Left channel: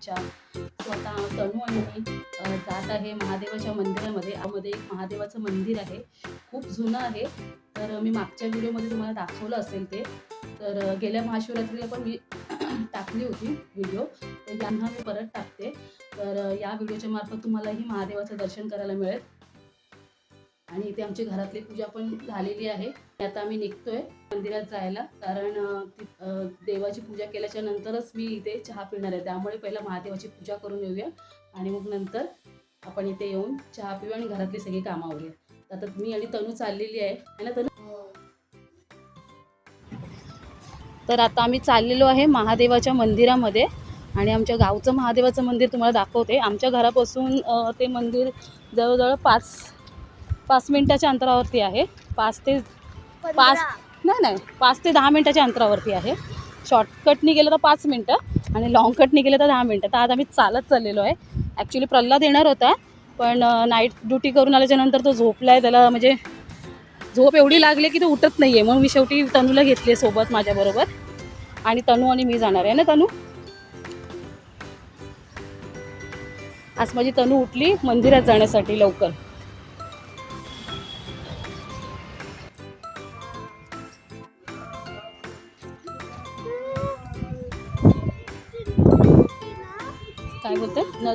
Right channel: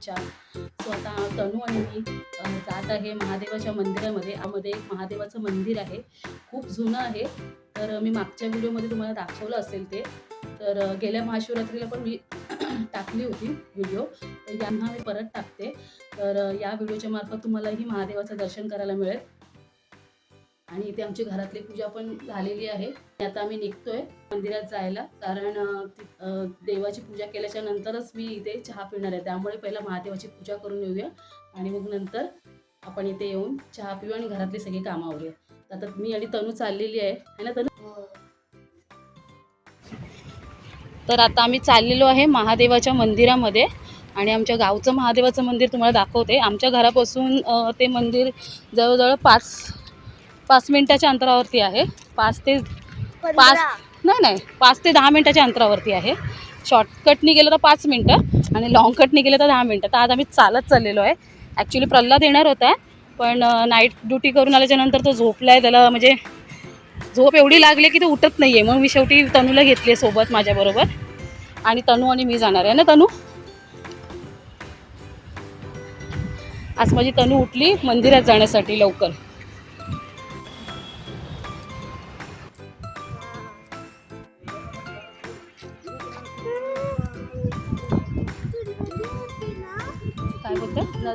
इच्छा स्वतः आता तनू आणि मी जात आहे महादेवाच्या मंदिरामध्ये. यामध्ये एक महादेवाचं मंदिर आहे. खूप जुनं आहे. तर मी मागच्या व्हिडिओमध्ये तुम्हाला दाखवलं असेल ते. तर गेल्या महाशिवरात्रीला पण मी टाकली होती व्हिडिओ. तर यांना मी परत टाकते. तर या व्हिडिओच्या मार्फत तुम्हालाही महादेवाचं दर्शन करायला मिळेल. आणि इथे आमची घरातली पूजा पण झालेली आहे. आणि आता आम्ही निघतोय मंदिरात जायला. कारण देवाची पूजा केल्याच्या नंतरच मी इथे चहा पिणार आहे. त्यामुळे पहिला महादेवाची पूजा करून येऊया. आणि मग नंतर आपण इथे येऊन चहा पिऊ आणि घरातली सगळी कामं आवरूया. तर आता मी आणि तनू चाललेली आहे. है ना तनू? तर आता आम्ही चाललेलो आहे महादेवाच्या मंदिरामध्ये. आणि आमच्या गावचं महादेवाचं मंदिर तुम्हाला दाखवते. आमच्या घरापासून ते मंदिर जवळजवळ पाच पाच मिनिटाच्या अंतरावरती आहे. पाच ते पाच नाही नाही. पाच ते दहा मिनिटाच्या अंतरावरती आहे. शॉर्टकटनी गेलं तर पाच मिनटं आणि लॉंग कटनी गेलं तर दहा मिनटं. तर आज आम्ही चालत चाललेलो आहे. ॲक्च्युली प्रल्हाद येणार होता पण नाईट ड्युटी करून आल्याच्यानंतर तो झोपला आहे त्याला म्हणजे झोप एवढी लागली की तो उठत नाही आहे मग मी शेवटी तनूला घेतली आहे सोबत माझ्याबरोबर आणि तनू आणि मी जाणार आहे ना तनू? आज माझी तनू उठली मंदिरात जाण्यासाठी लवकर.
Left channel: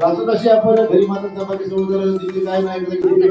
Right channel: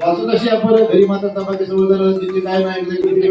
बाजू कशी आपण घरी माता चपाती समुद्र तिथे काय नाही. इकडे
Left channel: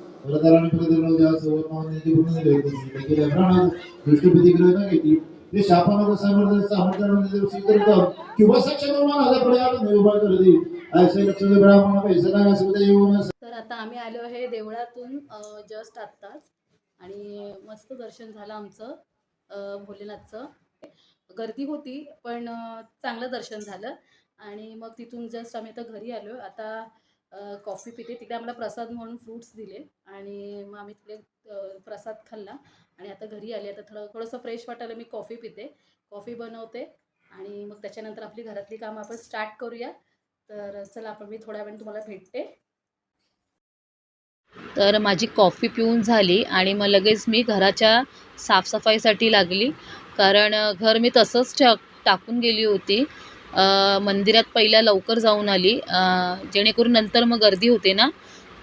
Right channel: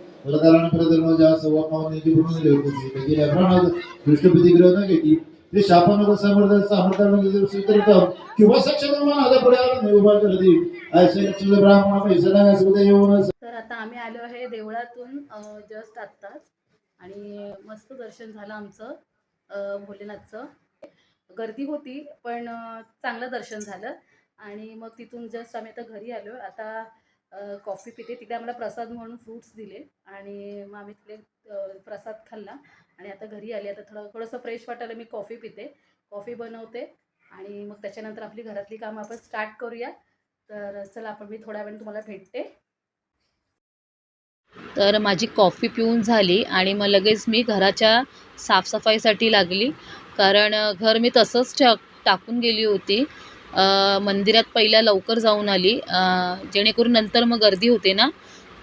पूर्ण न घेतली ते किंवा सक्षम पुढे आलं नाही उभा ब्राह्मण येऊन तर आता आम्ही आलो आहे देवळातून जस्ट आत्ताच. आणि मस्त दर्शन झालं आमचं भोलेनाथचं. गर्दी होती पण चांगलं दर्शन झालं. आणि मग तिथून जस्ट आम्ही आता घरी आलो. आता कॉफी पिते. तिकडे आम्हाला प्रसाद म्हणून फ्रूट्स दिले आणि मग आम्ही तिकडे प्रसाद खाल्ला. आणि आता घरी आले. आता थोडं थोडंसं फ्रेश वाटायला मी कॉफी पिते. कॉफी बनवते आणि मग त्याच्यानंतर आपली घरातली कामं आपण स्टार्ट करूया. तर चला आपण मी थोड्या वेळाने तुम्हाला भेटते. तर माझी कॉफी पिऊन झाली आणि मग लगेच मी घराच्या साफसफाईसाठी लागली. कारण घर मी तसंच टा टाकून गेली होती. मंदिरात पहिला लवकर जाऊन आली. अ, जेणेकरून नंतर मग गर्दी होते ना.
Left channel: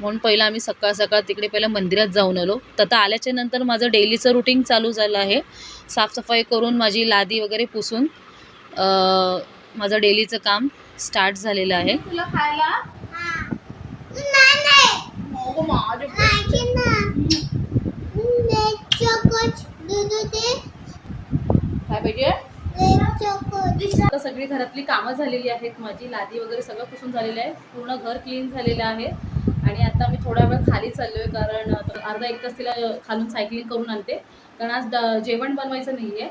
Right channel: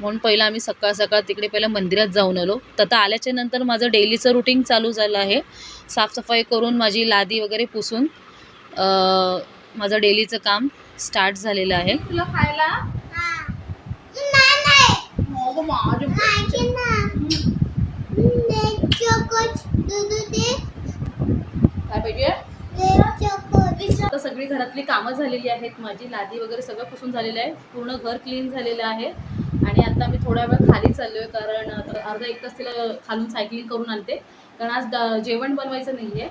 म्हणून पहिलं आम्ही सकाळ सकाळ तिकडे पहिलं मंदिरात जाऊन आलो. तर आता आल्याच्यानंतर माझं डेलीचं रुटीन चालू झालं आहे. साफसफाई करून माझी लादी वगैरे पुसून अ, माझं डेलीचं काम स्टार्ट झालेलं आहे. तुला खायला? काय पाहिजे? आता सगळी घरातली कामं झालेली आहेत. माझी लादी वगैरे सगळं पुसून झालेलं आहे. पूर्ण घर क्लीन झालेलं आहे. आणि आता मी थोडा वेळ खाली चाललोय कारण अर्धा एक तास तिला खालून सायकलिंग करून आणते. कारण आज ड- जेवण बनवायचं नाही आहे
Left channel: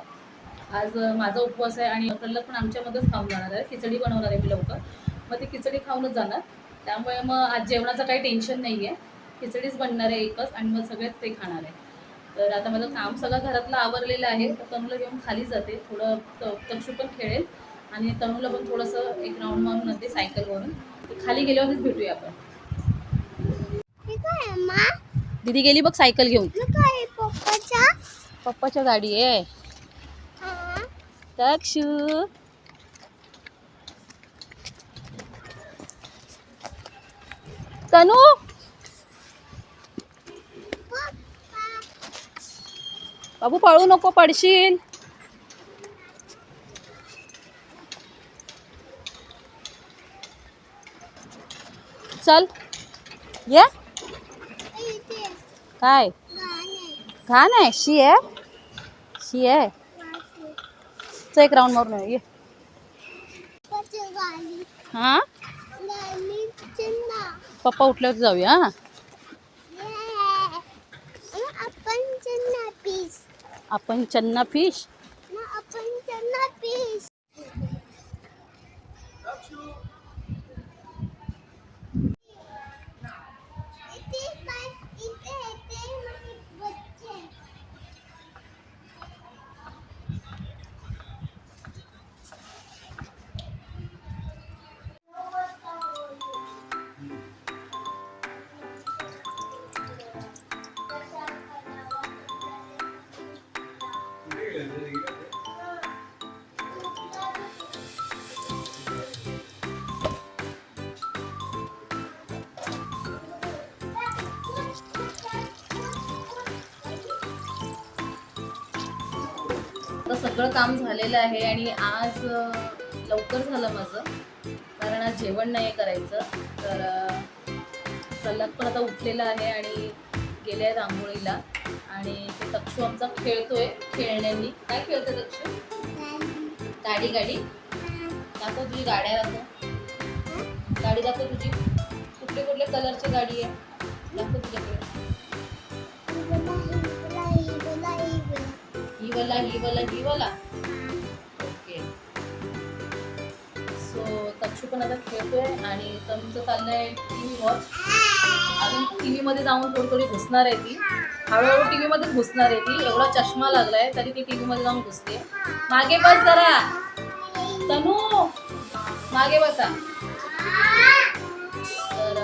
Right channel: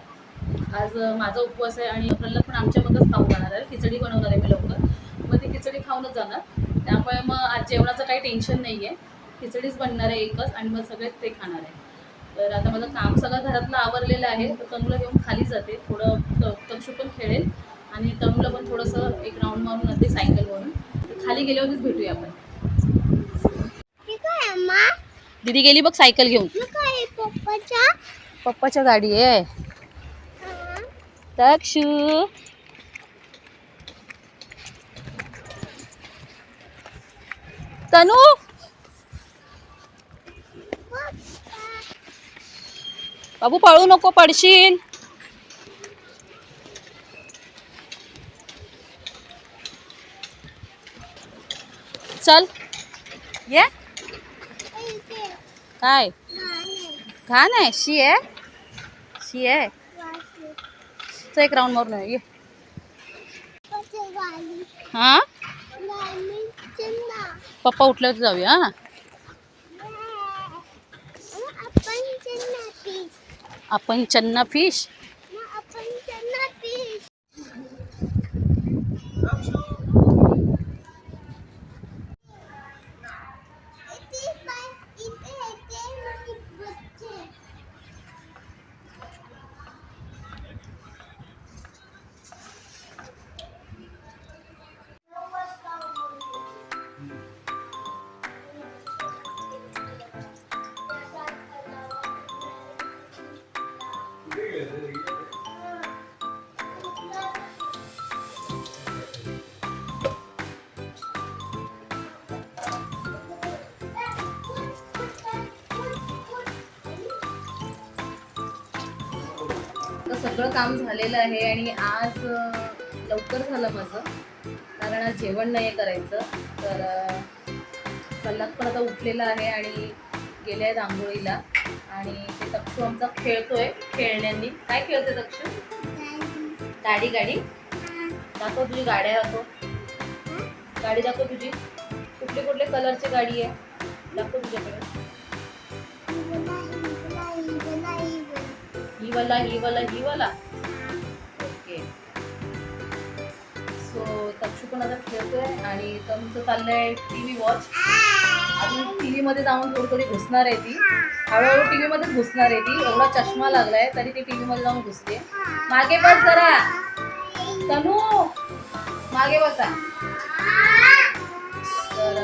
आज माझा उपवास आहे आणि प्रल्हाद पण आमच्यामध्येच खाऊन जाणार आहे. खिचडी बनवणार आहे मी लवकर. मग ती खिचडी खाऊनच जाणार. त्यामुळे मग आज जेवणाचं काही टेन्शन नाही आहे खिचडीच बनणार आहे एकच आणि मग सगळेच ते खाणार आहे. तर आता माझं काम सगळं घरातलं आवरलेलं आहे तर तनूला घेऊन खाली जाते थोडं तक्षू पण खेळेल आणि तनूला पण थोडंसं एक राऊंड मारून आणते सायकलवरून तर खाली गेल्यावरच भेटूया आपण. दीदी गेली बघ सायकल घेऊन. पप्पाच्या. गाडी आहे. तक्षू. तनू! बाबू पळू नको पडशील. चल. ये. काय? घाण आहे. शी आहे. शी आहे. चल एक राऊंड मारून ये. ये. हा? पप्पा उठल्यावर जाऊया हा? आपण फिश आता सगळं काम झालेलं आहे आणि आज लवकर झालं माझं. कारण आज जेवण नाही करायचं. तर अं, पण आता उठलेला आहे आणि गेले आहेत आंघोळीला. आणि ते तक्षू आमचा खेळतोय खेळण्यांनी. काय खेळतोय तक्षू? गाडी गाडी. दाखव तुझी गाड्या दाखव. गाडी दाखव तुझी. कुठले कुठले कलरची गाडी आहे? दाखव तुझ्याकडे. ही वाला ही वाला ही वाला ओके. सो तक्षू पण आता खेळतोय आणि तमचं चाललंय टी व्ही वॉच अजून टी व्हीमध्ये जाऊन थोडी थोडी घुसणार आहे ती. हळूहळू टी व्हीमध्येच घुसणार आहे ती. एवढा चष्मा लागलाय तरी ती टी व्हीमध्ये जाऊन घुसते. मागे बस जरा. तनू मागे बसा. तर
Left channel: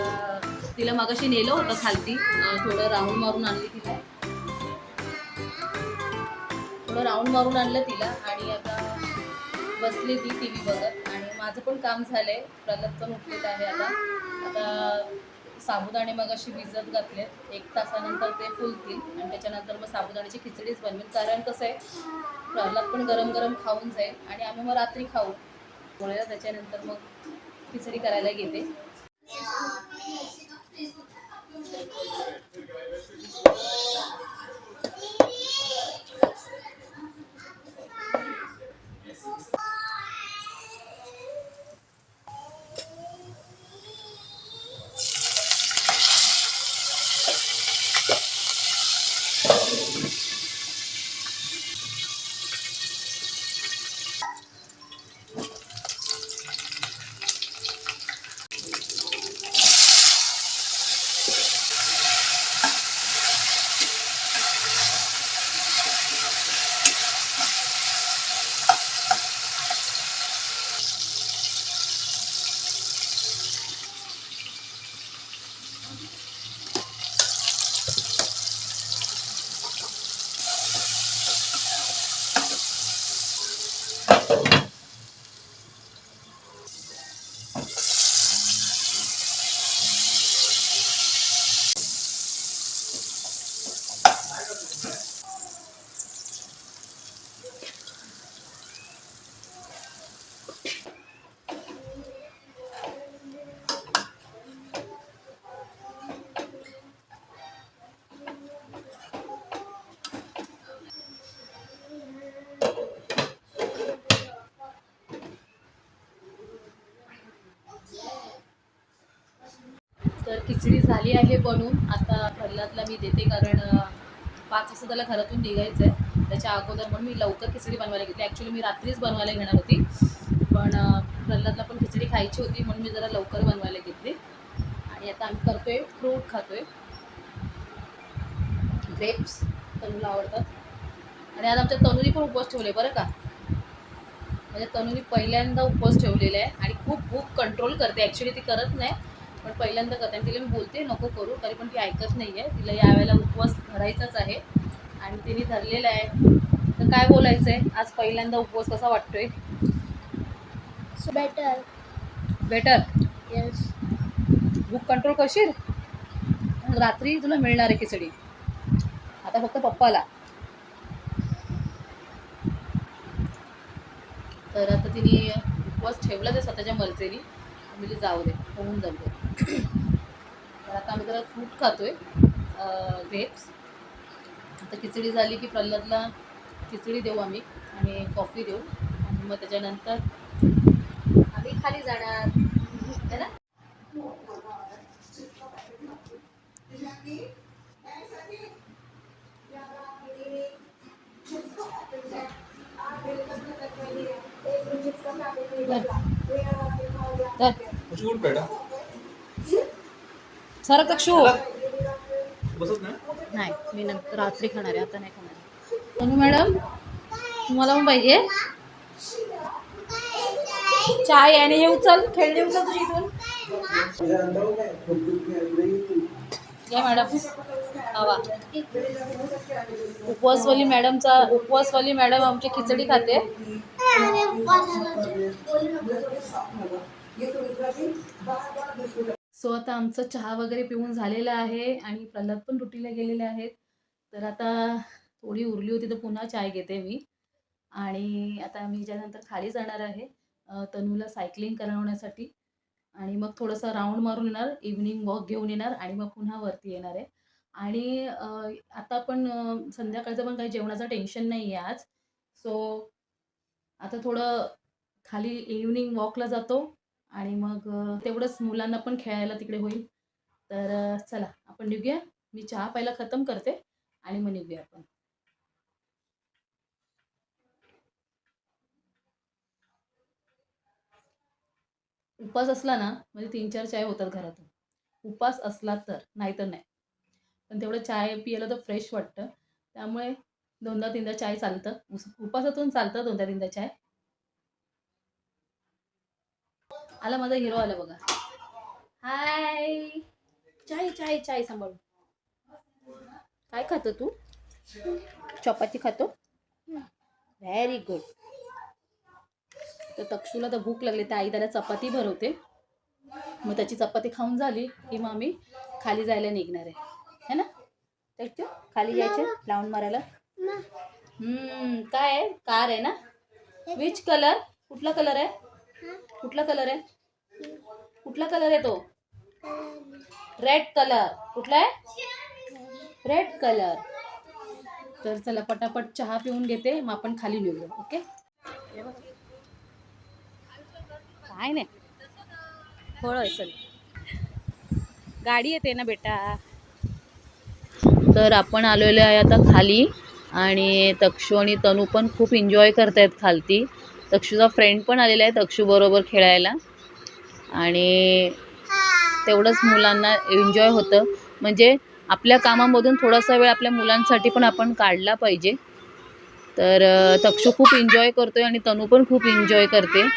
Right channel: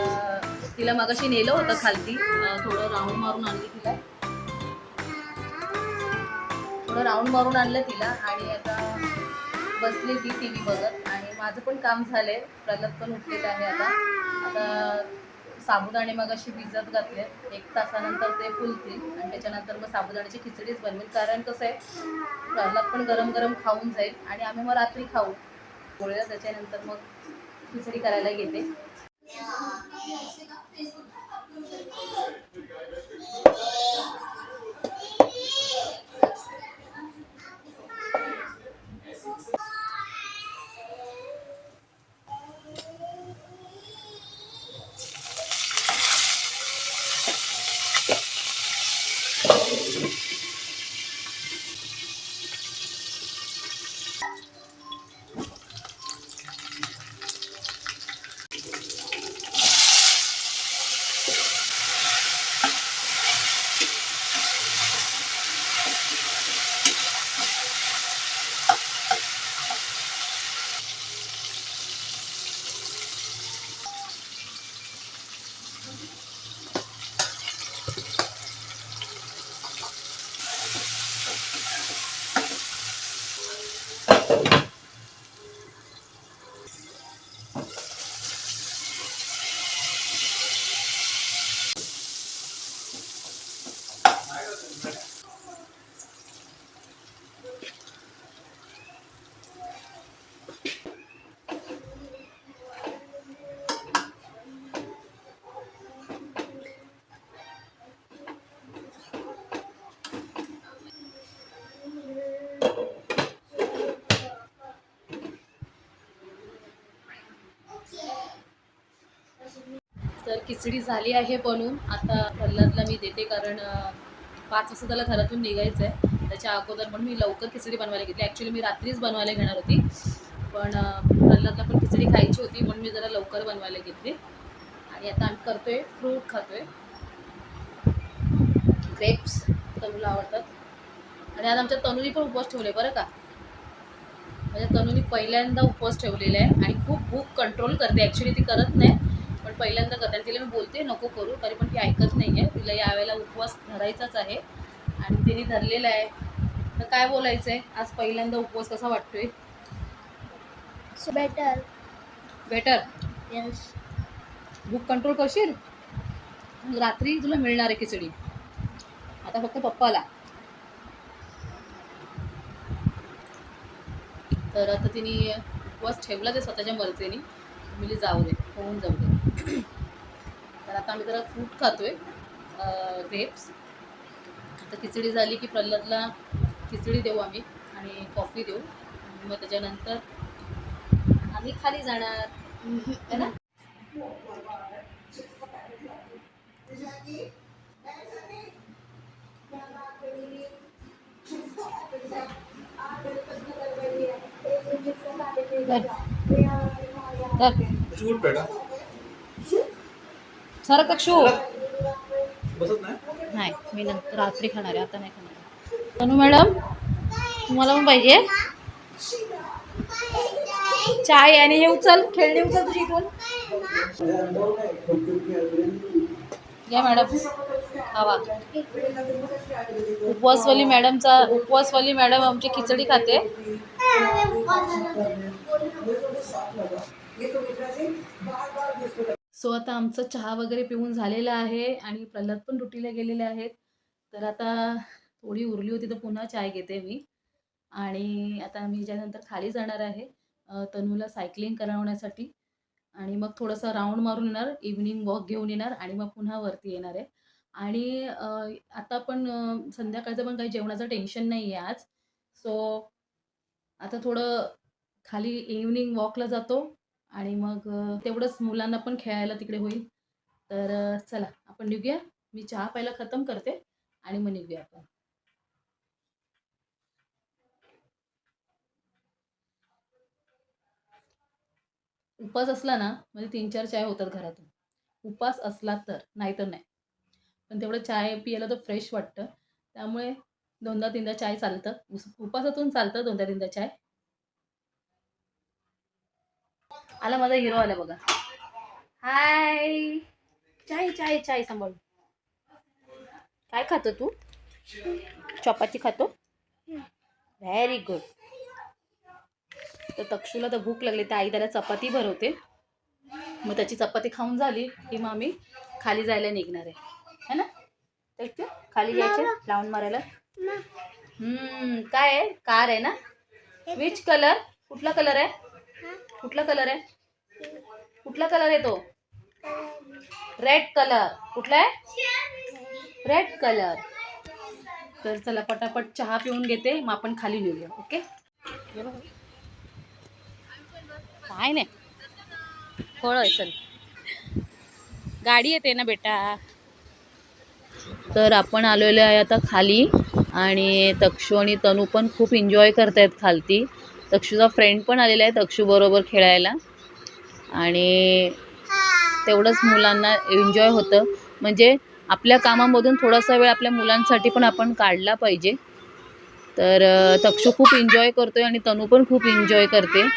तिला मागाशी नेलं होतं खालती. थोडं राऊंड मारून आणली तिला. थोडं राऊंड मारून आणलं तिला आणि आता बसली ती टी व्ही बघत आणि माझं पण काम झालंय. प्रल्हाद पण उठलेलं आहे आता. आता साबुदाणे मग अशी भिजत घातले एक तासानंतर ते फुलतील आणि त्याच्यानंतर मग साबुदाण्याची खिचडीच बनवेल कारण कसं आहे प्रल्हाद पण गरम गरम खाऊन जाईल आणि आम्ही मग रात्री खाऊ. पोळीला त्याच्यानंतर मग खिचडी करायला घेते खिचडी झाली आहे बनून. आता प्रल्हादला मी देते कारण पाच वाजता त्याला घरातून निघायचं आहे त्याच्या अगोदर म्हणून मी लवकर खिचडी बनवायला घेतली. ॲक्च्युली मी रात्रीच बनवायला घेणार होती. पण प्रल्हादला पण खिचडी खायची होती म्हणून मी जरा लवकर बनवायला घेतली. आणि आता आम्ही करतोय फ्रूट खातोय. ग्रेप्स तनूला आवडतात. आणि आज आमच्या तनुनी पण उपवास ठेवले बरं का? म्हणजे तनुनी पहिल्यांदा उपवास ठेवलेला आहे आणि खूप भूक कंट्रोल करते. ॲक्च्युली ती करत नाही. पण पहिल्यांदा करते. आणि तिला मी बोलते नको करू तरी पण ती ऐकत नाही आहे. तिला यावेळेला उपवास धरायचाच आहे. आणि तिने धरलेला आहे. तर काय बोलायचं आहे आज पहिल्यांदा उपवास कसा वाटतोय? Better. Better yes. भूक कंट्रोल करशील? रात्री तुला मिळणार आहे खिचडी. आता फक्त पप्पाला. तर आता तिने उपवास ठेवला ते स्वतःच्या मर्जीने. मुली जाऊ दे होऊन जाऊ दे. तर आता आम्ही जरा फ्रूट खातो आहे ग्रेप्स आता खिचडी झाली की प्रल्हादला खिचडी देऊ आम्ही आणि कॉफी देऊ. आणि मग त्याच्यानंतर आम्ही खाली जाणार. है ना? सरक तक्षू बसत नाही? नाही मी नंतर रात्री खाणार आहे आता नाही खाणार. तनू मॅडम तुम्हाला पण पाहिजे? चाय आणि हे उचल खेळणी उचल तुझी इथून. या मॅडम. हवा उपवासवाली मॅडमचा उपवासवाली मॅडम आमची खिचडी खाते. सो आता आमचं चहा वगैरे पिऊन झालेलं आहे आणि प्रल्हाद पण ड्युटीला गेलेले आहेत. तर आता थोडी उरली होती तर पुन्हा चाय घेते मी. आणि आता मी ज्यानंतर खाली जाणार आहे तनूला सायकलिंग करवण्यासाठी. आणि मग थोडंसं राऊंड मारून येणार इव्हनिंग वॉक घेऊन येणार आणि मग पुन्हा वरती येणार आहे. आणि आता पण संध्याकाळचं पण काही जेवणाचं टेन्शन नाही आहे आज. सो आता थोडं खाली इव्हनिंग वॉकला जातो. आणि मग तेवढंच मुलांना पण खेळायला तिकडे होईल. तर चला आपण निघूया. मी चहा पहिला खतम करते आणि मग निघूया आपण. उपास असला ना म्हणजे तीन चार चाय होतात घरातून. उपास असला तर नाही तर नाही. पण तेवढं चाय पियाला तर फ्रेश वाटतं. त्यामुळे दोनदा तीनदा चाय चालतं. उस उपासातून चालतं दोनदा तीनदा चाय. आला माझा हिरो आला बघा. हाय चाय चाय चाय सांभाळून काय खातो तू? चपाती खातो? व्हेरी गुड तर तक्षूला तर भूक लागली. तर आई त्याला चपाती भरवते. मग त्याची चपाती खाऊन झाली की मग आम्ही खाली जायला निघणार आहे. है ना? तक्षू खाली जायचं लावून मारायला? हम्म काय आहे? कार आहे ना? विच कलर कुठला कलर आहे? कुठला कलर आहे? कुठला कलर येतो रेड कलर कुठला आहे? रेड कलर तर चला पटापट चहा पिऊन घेते. मग आपण खाली लिहूया ओके? काय नाही. फळ आहे चल. गाडी येते ना बेटा. तर आपण आलेलो आहे आता खाली. आणि तक्षू आणि तनू पण खूप एन्जॉय करतायत खालती. तक्षूचा फ्रेंड पण आलेला आहे तक्षू बरोबर खेळायला. आणि तेवढंच मुलांना एन्जॉय होतं. म्हणजे आपल्या कामामधून थोडासा वेळ आपल्या मुलांसाठी पण आपण काढला पाहिजे. तर अ, तक्षू खूप एन्जॉय करतोय आणि तनू पण खूप एन्जॉय करते.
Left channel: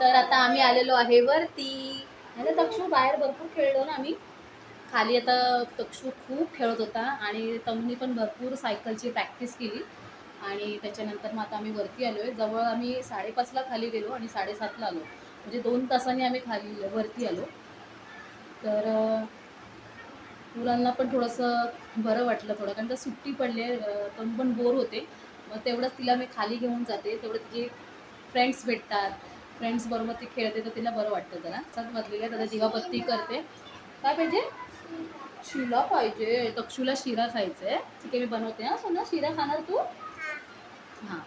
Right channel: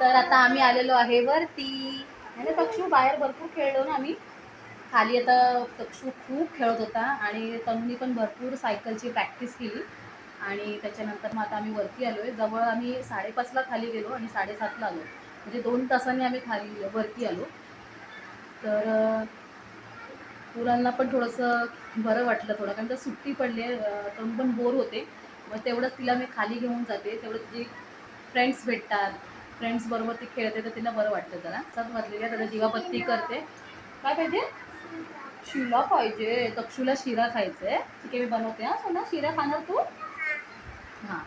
तर आता आम्ही आलेलो आहे वरती. आणि तक्षू? बाहेर भरपूर खेळलो ना आम्ही. खाली आता तक्षू खूप खेळत होता आणि तनुनी पण भरपूर सायकलची प्रॅक्टिस केली. आणि त्याच्यानंतर मग आता आम्ही वरती आलो आहे जवळ आम्ही साडेपाचला खाली गेलो आणि साडेसातला आलो. म्हणजे दोन तासांनी आम्ही खाली वरती आलो. तर मुलांना पण थोडंसं बरं वाटलं थोडं. कारण तर सुट्टी पडली आहे. अं, पण बोर होते. मग तेवढंच तिला मी खाली घेऊन जाते. तेवढं तिचे फ्रेंड्स भेटतात फ्रेंड्सबरोबर ती खेळते तर तिला बरं वाटतं जरा. सात वाजलेली आहे आता दिवाबत्ती करते. काय पाहिजे? शिला पाहिजे. तक्षूला शिरा खायचा आहे ठीक आहे मी बनवते हां. सोना शिरा खाणार तू? हां.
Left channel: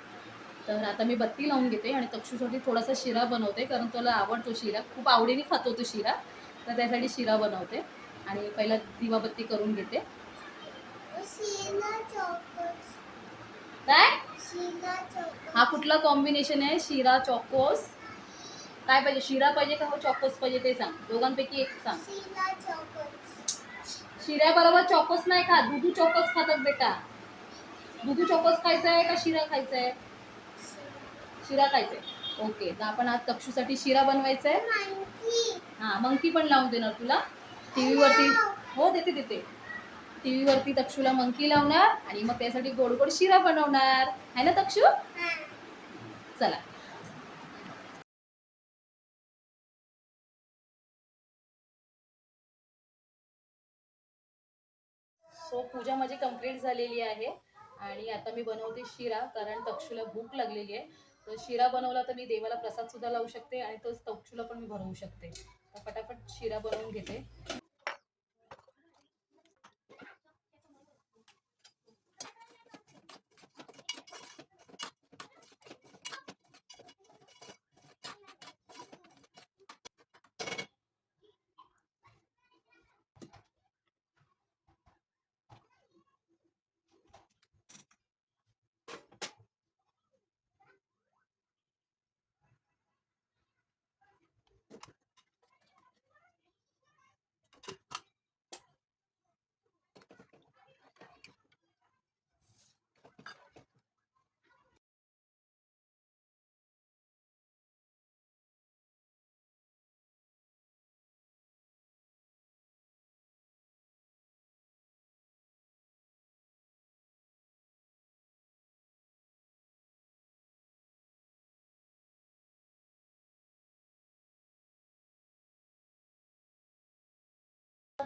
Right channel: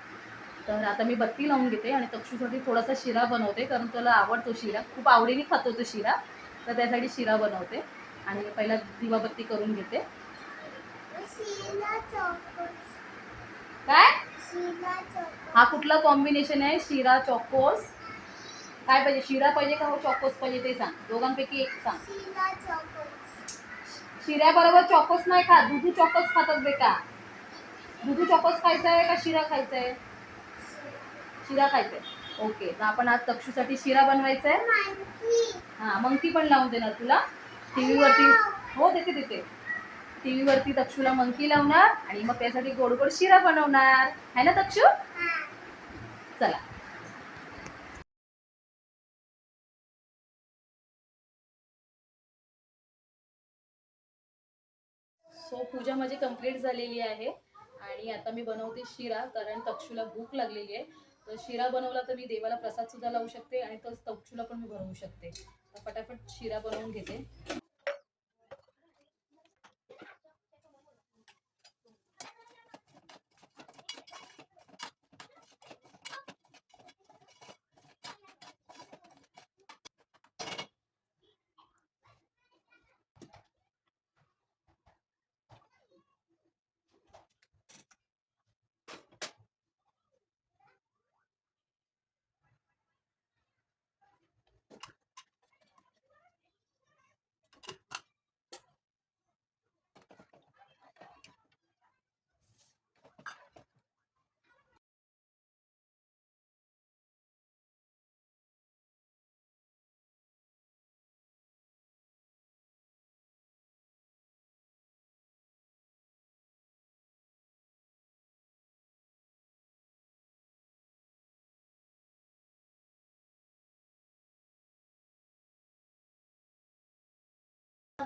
तर आता मी बत्ती लावून घेते आणि तक्षूसाठी थोडासा शिरा बनवते कारण तुला आवडतो शिरा. खूप आवडीने खातो तो शिरा. तर त्यासाठी शिरा बनवते. आणि पहिला दिवाबत्ती करून घेते. काय? हा कुठला कॉम्बिनेशन आहे? शिरा चॉकोस. काय पाहिजे? शिरा पाहिजे का हो? चॉकोस पाहिजे ते सांग. दोघांपैकी एक सांग. शिऱ्याबरोबर चॉकोस नाही खा. दुधू चॉकोस खातात बेटा. दुधू चॉकोस खायचा आहे का शिरा खायचा आहे शिरा खायचा आहे ओके तर आपण आज तक्षूसाठी शिरा बनवायचा आहे हां मंकी पण लावून देणार तुला. टी व्हीवरती हो देते देते. टी व्हीवरती तक्षूला मंकी लावणार आणि मग त्यासाठी गोड गोड शिरा बनवणार. आहे ना तक्षू? हा. चला. सो पूजा माझी कंप्लीट झालेली आहे. आणि आता मी बनवते शिरा कारण तक्षूला भूक लागलेली आहे. तर शिरा बनवला तर मी देवाला प्रसादसुद्धा लावू शकते आणि तोच तक्षूला पण मी भरवू शकते. तर फटाफट शिरा बनवून घेते.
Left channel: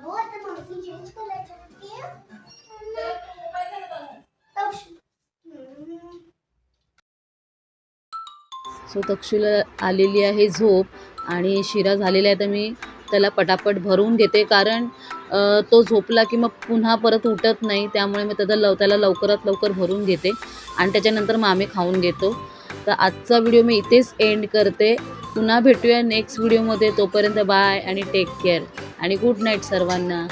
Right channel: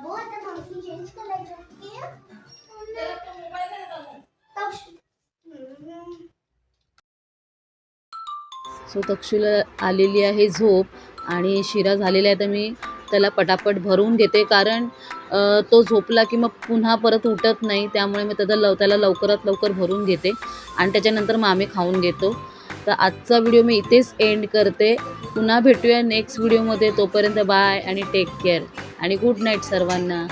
अबो आता मावशी चेंज करायचं सो तक्षुला आलेली आहे झोप आणि शिरा झालेला आहे तर मी त्याला पटापट भरून घेते कारण तो झोपला की मग पुन्हा परत उठत नाही त्यामुळे मी त्याचा लव त्याला लवकरात लवकर भरून घेते आणि त्याच्यानंतर मग आम्ही खाऊन घेतो. तर आजचा व्हिडिओ मी इथेच एंड करते. पुन्हा भेटूया नेक्स्ट व्हिडिओमध्ये तोपर्यंत बाय आणि टेक केअर आणि गुड नाईट सर्वांना.